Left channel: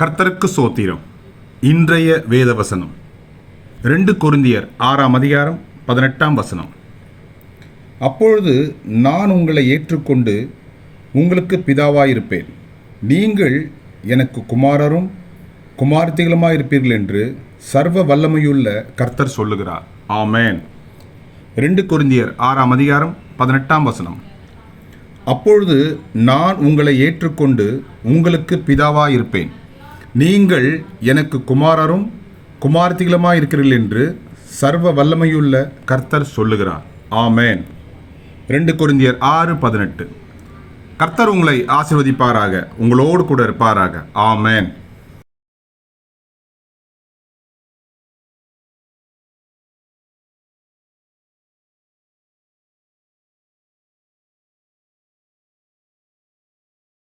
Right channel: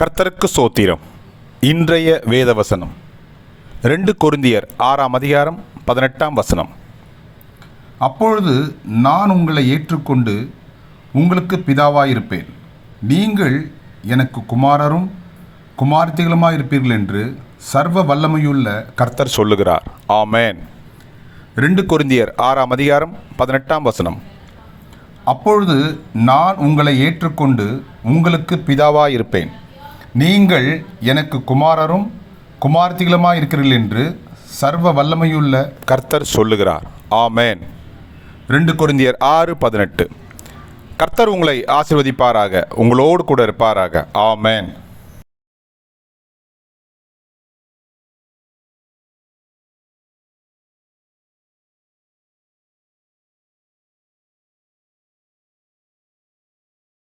கர்த்தருக்கு சோத்திரம். இன்றைய வேத வசனம் ரெண்டு கொருந்தியர் ஆறாம் அதிகாரம் பதினெட்டாம் வசனம். அப்பொழுது நான் உங்களை ஏற்றுக்கொண்டு உங்களுக்கு பிதாவாயிருப்பேன். நீங்கள் எனக்கு குமாரரும் குமார்த்திகளுமாயிருப்பீர்கள் என்று சர்வ வல்லமையுள்ள கர்த்தர் சொல்லுகிறார். ஆமேன். ரெண்டு கொருந்தியர் ஆறாம் அதிகாரம் பதினெட்டாம் வசனம். அப்பொழுது நான் உங்களை ஏற்றுக்கொண்டு உங்களுக்கு பிதாவாயிருப்பேன். நீங்கள் எனக்கு குமாரரும் குமார்த்திகளுமாயிருக்கிறீர்கள் என்று சர்வ வல்லமையுள்ள கர்த்தர் சொல்லுகிறார். ஆமேன். ரெண்டு குருந்தியர் ஆறு பதினெட்டு. கர்த்தர் உங்களை ஆசிர்வதிப்பாராக உங்களோடு கூட இருப்பாராக. ஆமேன்.